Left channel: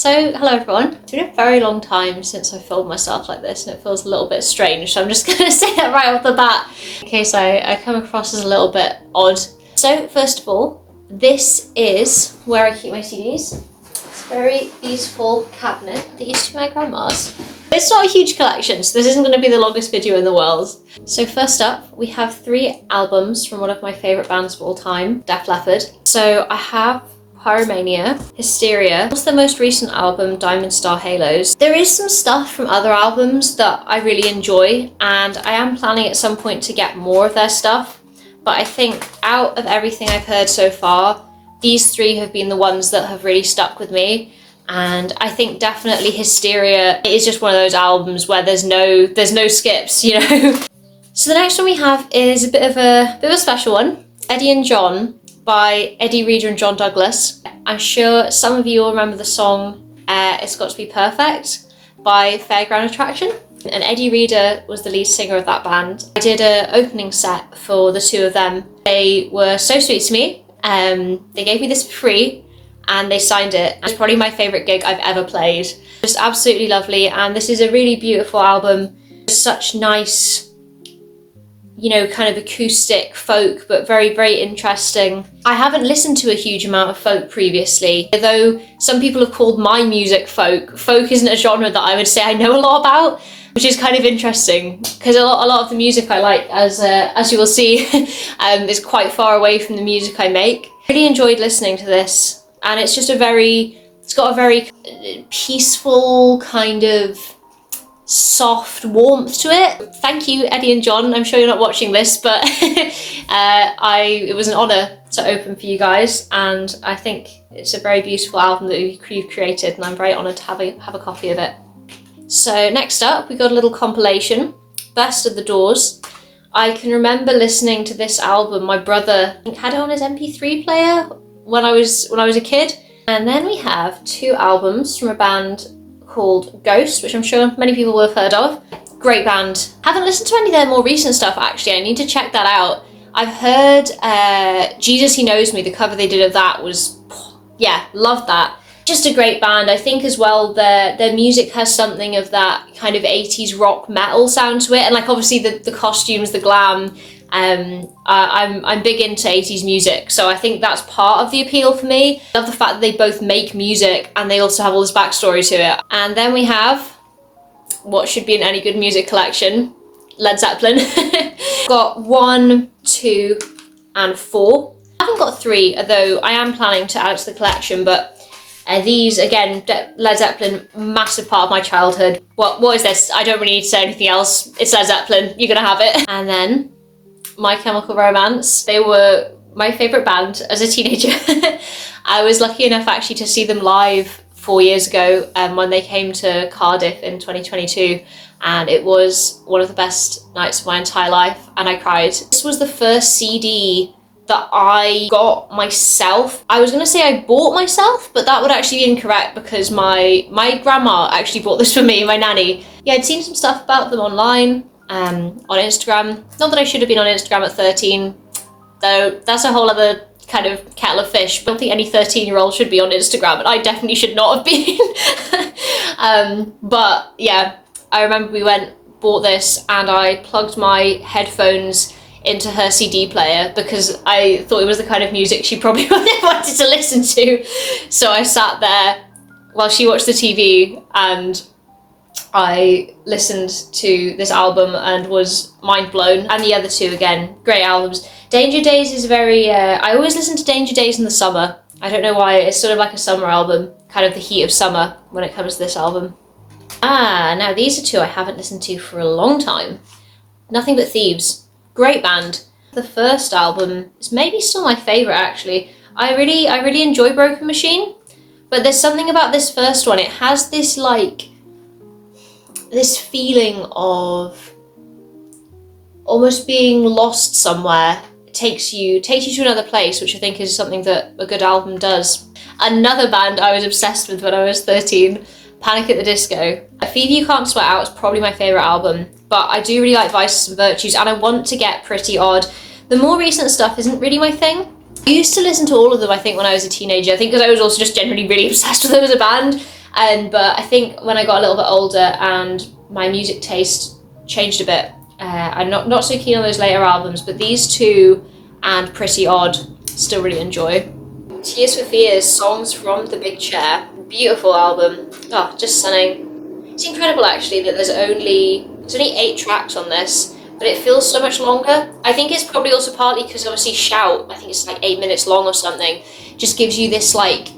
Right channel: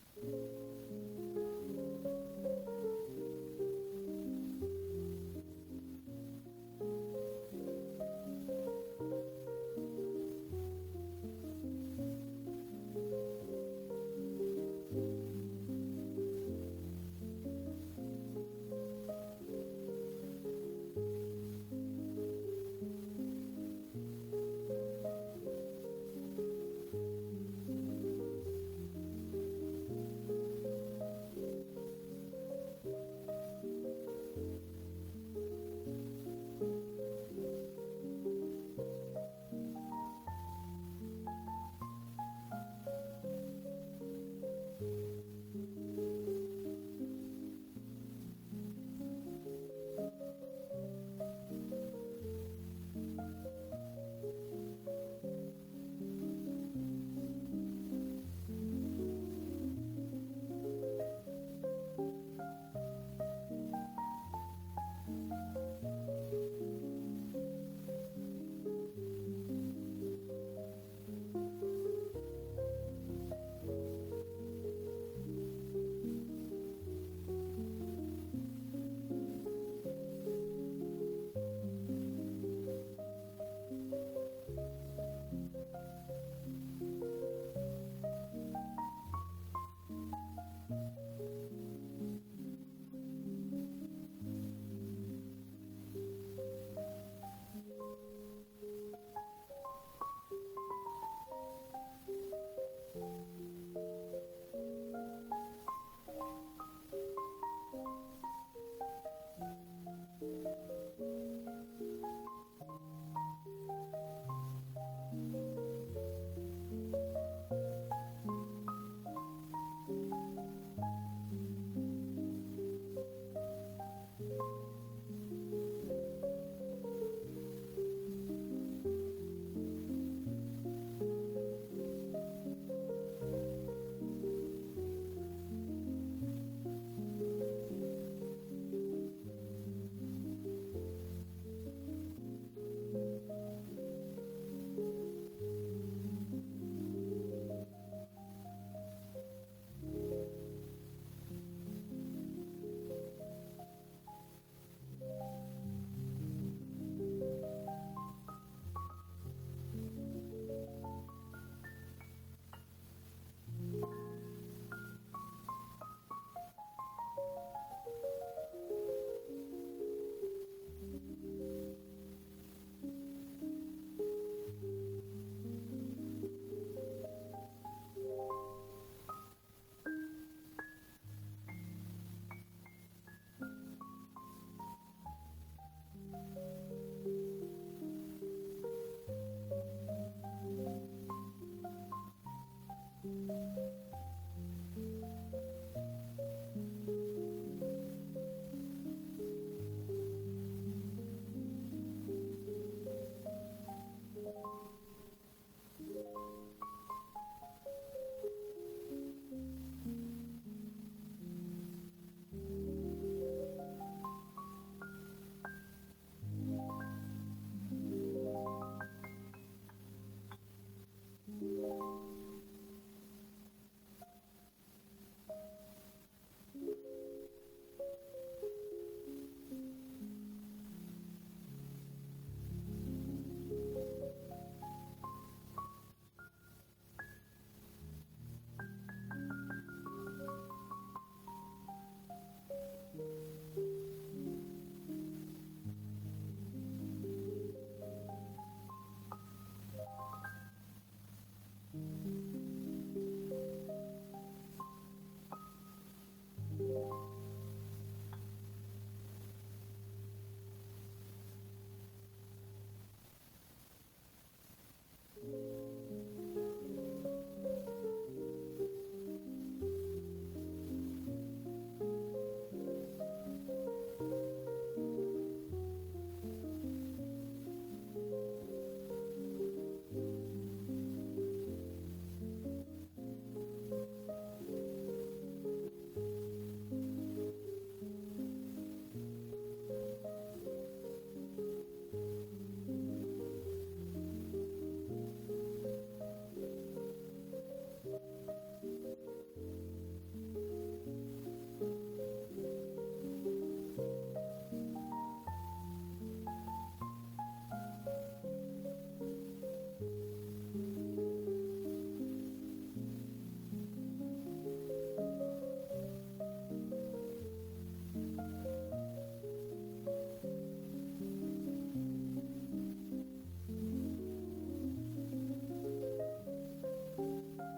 So, hello everyone. It's been a very long time since I filmed myself like this and it feels a little bit strange, so I'm just gonna say that right off the bat in case I come across as a little bit odd. So, first of all, this is where I keep my CDs. It's a very beautiful cabinet that used to be my grandma's. It's not a huge collection, so this isn't going to be the longest video in the world. So first up, we have 3 albums from one of my favourite bands of all time, Def Leppard. So I have Pyromania, Hysteria, what's their most recent album, Diamond Star Halos. There is some stuff from other albums that I really enjoy, and I am planning at some point to get more of their stuff, but I think out of everything I've heard so far, these 3 have been the ones that have really stuck with me. And I think definitely Hysteria is just one of those albums where there's no skips, you know. So the next one we have is a bit of a special one, Eddie and John by Eddie Reader and John Douglas. I'm sure some of you will remember the song It's Got to Be Perfect by Fairground Attraction. And Eddie Reader was the lead singer of that band. I did an opening set for the 2 of them. They were so sweet to me. They gave me this for free and they signed it. It's probably my favourite gig I've ever played. Just absolutely lovely, and this is a really beautiful album. Such nice, you know, kind of acoustic folk, but very, very interesting. I haven't listened to a huge amount of folk previously, though some people have called my music folk. Folk isn't a genre that I would say I know a lot about, which is kind of interesting because a lot of the music I like, as you will see, is quite far away from the music I make. I really enjoyed listening to this, and it's just it's got a very peaceful kind of soft warmth to it. Thank you, Eddie and John. I'm sure you're not watching this, but it was an honour to open for you guys, and I think it's a very beautiful album that you've created, and I'm very honoured to have a copy of it. So next up, we got a little compilation, Best of the Doors. I can remember listening to this album. My brother had it on his MP3 player when I was a kid. And then we have 2 albums from a band called Ghost, which I'm sure many people will have heard of. Great band. Haven't listened to any of their more recent stuff actually. I need to check that out. I've heard Jesus He Knows Me, the cover they did of that was, yeah, loved that. Just a great band. I think as well their music has something of that kind of 80s rock metal sound to it, and like obviously the costumes, the glam. I'm big into 80s music, so I think that's part of the appeal for me. I love the fact that they both make music and they also have all this backstory to it. And then we have what should be in any good music collection, Led Zeppelin. Got 1, 2 and 4. I haven't got 3, although I am planning to add to the collection, but these, again, Led Zeppelin, massive part of my childhood. What is this? I don't really need to say anything else. It's Led Zeppelin, you're gonna have it. And then My Chemical Romance. They were my favourite band as a teenager. I was lucky enough actually to see them live 4 years ago when they came to Cardiff in 2022, and it was one of the best nights of my entire life, and I cried. This was the first CD that I got myself. I was gonna say I bought myself, but that would actually be incorrect because my grandma actually bought this for me, my nanny. Yeah, I'd seen some stuff about them online, on Instagram. Not that I should have been on Instagram at 13, though that's a whole other kind of kettle of fish. I don't think any 13-year-old should be on Instagram, and I definitely should not have been. But yeah, I remember we bought this, and I plugged my headphones into her CD player because I thought it was the kind of music she probably wanted to listen to. So I sat there while she watched the TV and I listened to this album and was mind blown. And the other 2, again, great albums. Danger Days is very, I always listen to Danger Days in the summer. I don't know why, it's sort of like a summer album, kind of the heat of summer when it comes to this album. Now these are 2 I haven't listened to for a long time. Nothing But Thieves. Great band. The first album is maybe still my favourite actually. I really enjoy Broken Machine, but there's something about this first one. It has this this feeling of almost being lost somewhere. It takes you to another place, which I think is something that a good album does. Another band I was obsessed with when I was 13, Panic at the Disco. Fever You Can't Sweat Out is probably my favourite album, but I do really like Vices and Virtues, and I want to get Pretty Odd. The more recent stuff isn't really my thing. I used to listen to all of them, I think, when I was a teenager. I think because I was also just generally really obsessed with them as a band. But I think when I got a little bit older and my music taste changed a bit, I'm not so keen on those later albums, but these two and Pretty Odd still really enjoy. Tears for Fears, Songs from the Big Chair. Beautiful album. Oh, just stunning. It's incredible actually that there's only 8 tracks on this, but it feels so much longer. I think it's probably also partly because obviously Shout, I think it's like 8 minutes long or something, just gives you this like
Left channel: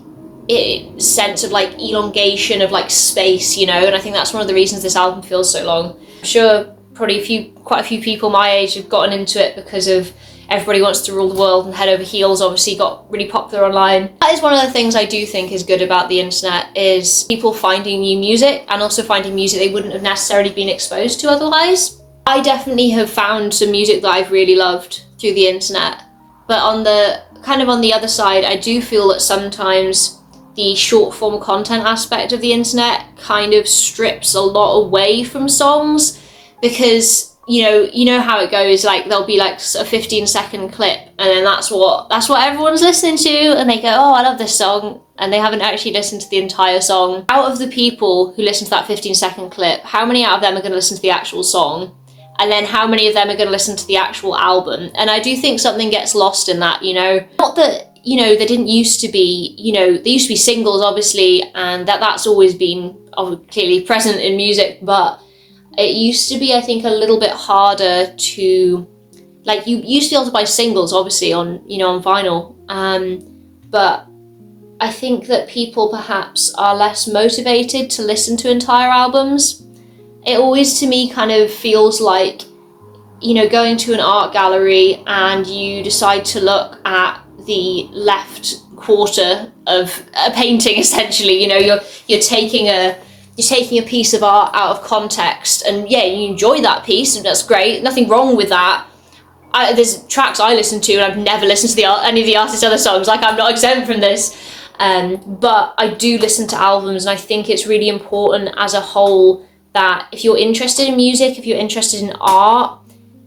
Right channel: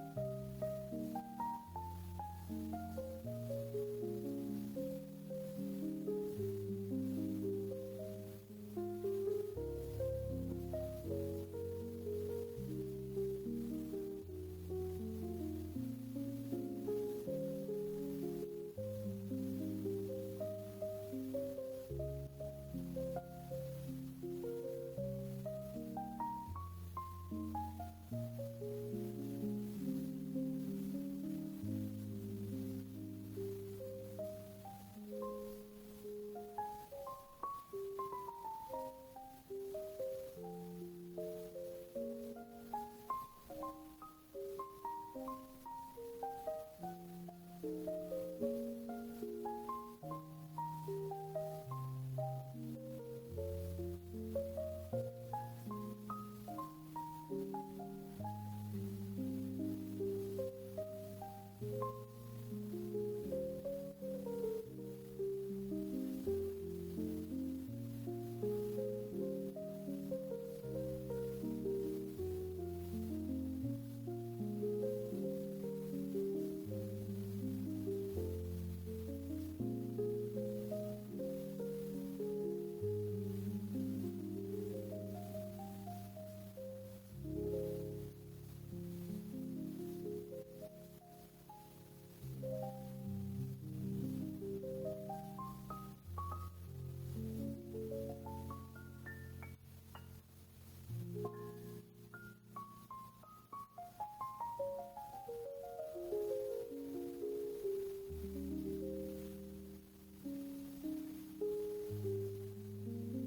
sense of like elongation of like space, you know, and I think that's one of the reasons this album feels so long. I'm sure probably quite a few people my age have gotten into it because of Everybody Wants to Rule the World and Head Over Heels obviously got really popular online. That is one of the things I do think is good about the internet, is people finding new music and also finding music they wouldn't have necessarily been exposed to otherwise. I definitely have found some music that I've really loved through the internet, but on the other side, I do feel that sometimes the short form content aspect of the internet kind of strips a lot away from songs, because you know how it goes, like there'll be like a 15-second clip and then that's what everyone's listening to, and they go, oh, I love this song, and they haven't actually listened to the entire song. Out of the people who listen to that 15-second clip, how many out of them are going to listen to the actual song? And then how many of them are going to listen to the actual album? And I do think something gets lost in that, you know. Not that, you know, there didn't used to be, you know, there used to be singles obviously, and that's always been clearly present in music, but it used to be, I think, a little bit harder to, like, you used to be able to buy singles, obviously, on, you know, on vinyl. But I think that people perhaps are less motivated to listen to entire albums. It always, to me, kind of feels like, you know, going to an art gallery and you decide to look at the left quarter of a painting, essentially. You know, you're taking a piece of art out of context, and yeah, you enjoy that piece, and that's great, nothing wrong with that. There's tracks I listen to and I've never listened to any of the artist's other songs, like I'm not exempt from this, but I do listen to albums, and I think it's really important as a whole that if you're interested in music, if you're interested in art,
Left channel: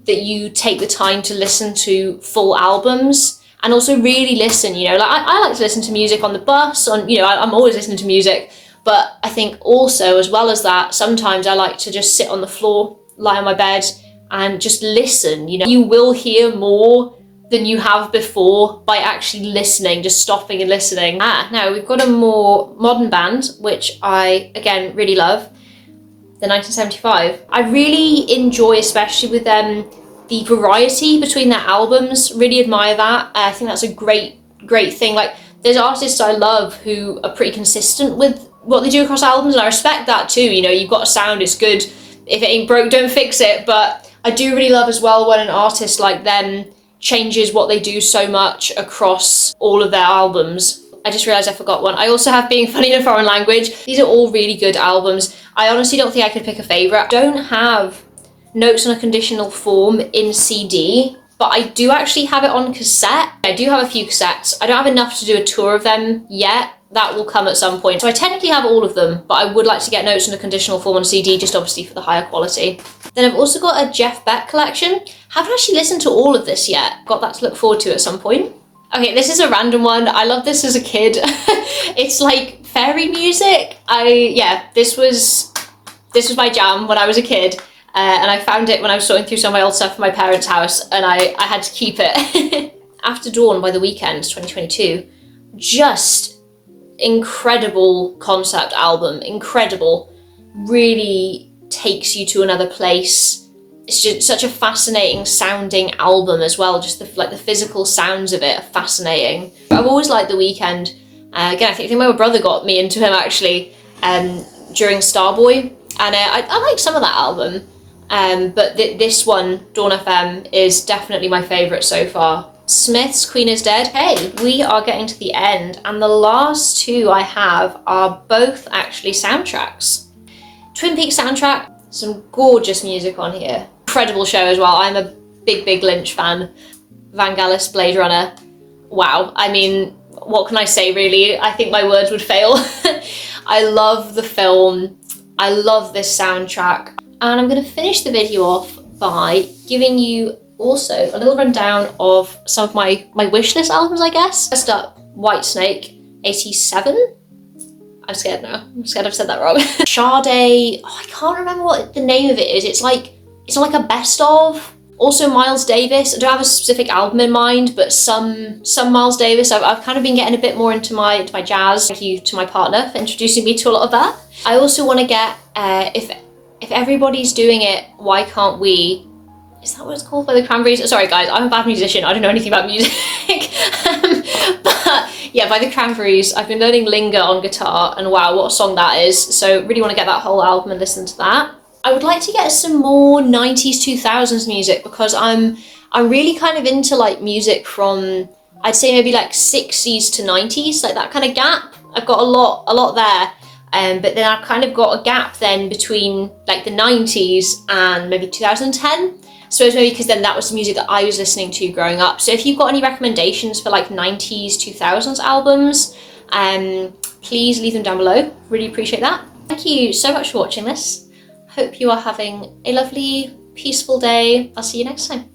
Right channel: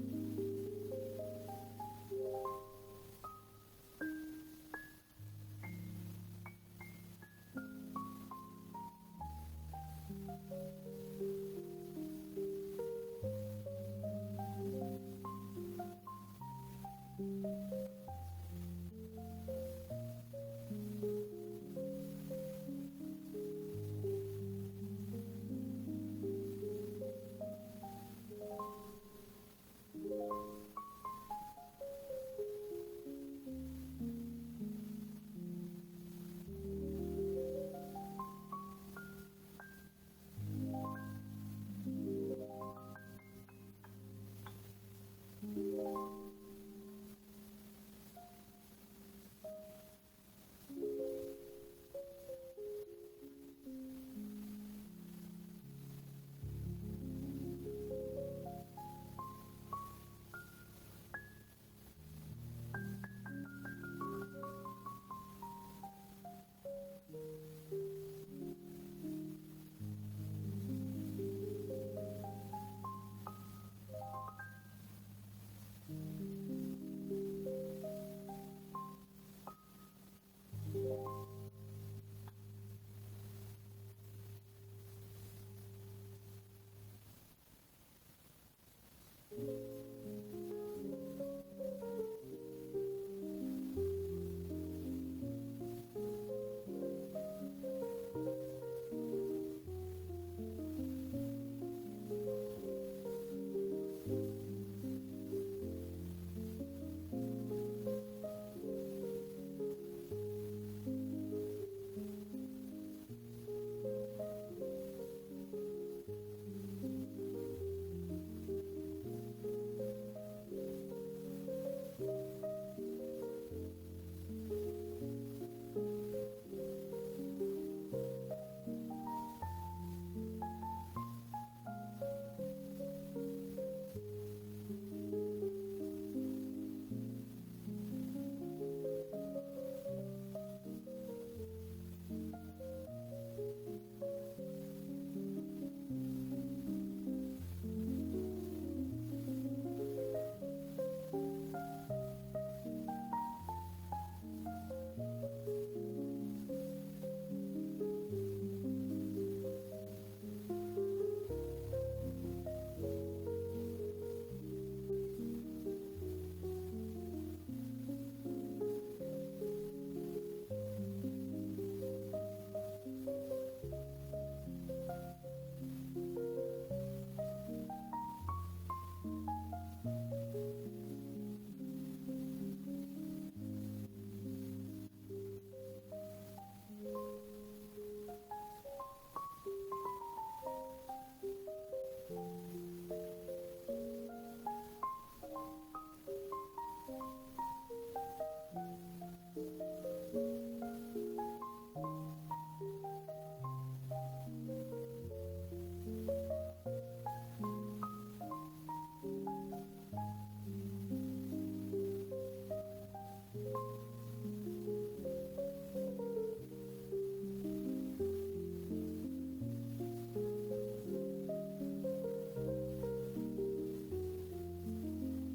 that you take the time to listen to full albums, and also really listen, you know, like I like to listen to music on the bus, you know, I'm always listening to music. But I think also, as well as that, sometimes I like to just sit on the floor, lie on my bed, and just listen. You know, you will hear more than you have before by actually listening, just stopping and listening. Now we've got a more modern band, which I, again, really love, the 1975. I really enjoy, especially with them, the variety between their albums. Really admire that. I think that's a great thing. Like, there's artists I love who are pretty consistent with what they do across albums, and I respect that too. You know, you've got a sound, it's good. If it ain't broke, don't fix it. But I do really love as well when an artist like them changes what they do so much across all of their albums. I just realised I forgot one. I also have Being Funny in a Foreign Language. These are all really good albums. I honestly don't think I could pick a favourite. I don't have Notes on a Conditional Form in CD, but I do actually have it on cassette. I do have a few cassettes. I don't have enough to do a tour of them yet. That will come at some point. So I technically have all of them, but I would like to get Notes on a Conditional Form on CD, just obviously for the higher quality. Then I've also got a Jeff Beck collection. Haven't actually listened to all of this yet. Got that to look forward to at some point. Okay, this is a random one. I loved this as a kid. It's like fairy music. This was my jam when I was a kid. And I found it when I was sorting through some of my old stuff in my parents' house, and I had to keep it. After Dawn by The Weeknd, 2022. Just incredible concept album, incredible, really takes you to another place. It's just such a fascinating sounding album as well, just the physical sounds of it are fascinating. I've always liked The Weeknd. Again, I think my brother got me into him actually during Starboy, and I like some of that album, but this one, Dawn FM, is definitely my favourite so far. Smith's Queen is Dead. Hey, we are getting to the end, and the last two I have are both actually soundtracks. Twin Peaks soundtrack, some gorgeous music on here. Incredible show as well. I'm a big Lynch fan. Vangelis, Blade Runner. Wow, I mean, what can I say really? I think my words would fail. I love the film. I love this soundtrack. And I'm gonna finish the video off by giving you also a little rundown of some of my wishlist albums, I guess. First up, Whitesnake, 87. I'm scared now. I'm scared I've said that wrong. Sade, oh, I can't remember what the name of it is. It's like a best of. Also Miles Davis. I don't have a specific album in mind, but some Miles Davis. I've kind of been getting a bit more into my jazz. Thank you to my partner for introducing me to a lot of that. I also want to get, if everybody's doing it, why can't we? Is that what it's called, by the Cranberries? Sorry guys, I'm a bad musician. I don't know anything about music. But yeah, by the Cranberries. I've been learning Linger on guitar, and wow, what a song that is. So really want to get that whole album and listen to that. I would like to get some more 90s, 2000s music, because I'm really kind of into like music from, I'd say maybe like 60s to 90s, like that kind of gap. I've got a lot there. But then I've kind of got a gap then between like the 90s and maybe 2010. So it's maybe because then that was the music that I was listening to growing up. So if you've got any recommendations for like 90s, 2000s albums, please leave them down below. Really appreciate that. Thank you so much for watching this. Hope you are having a lovely, peaceful day. I'll see you next time.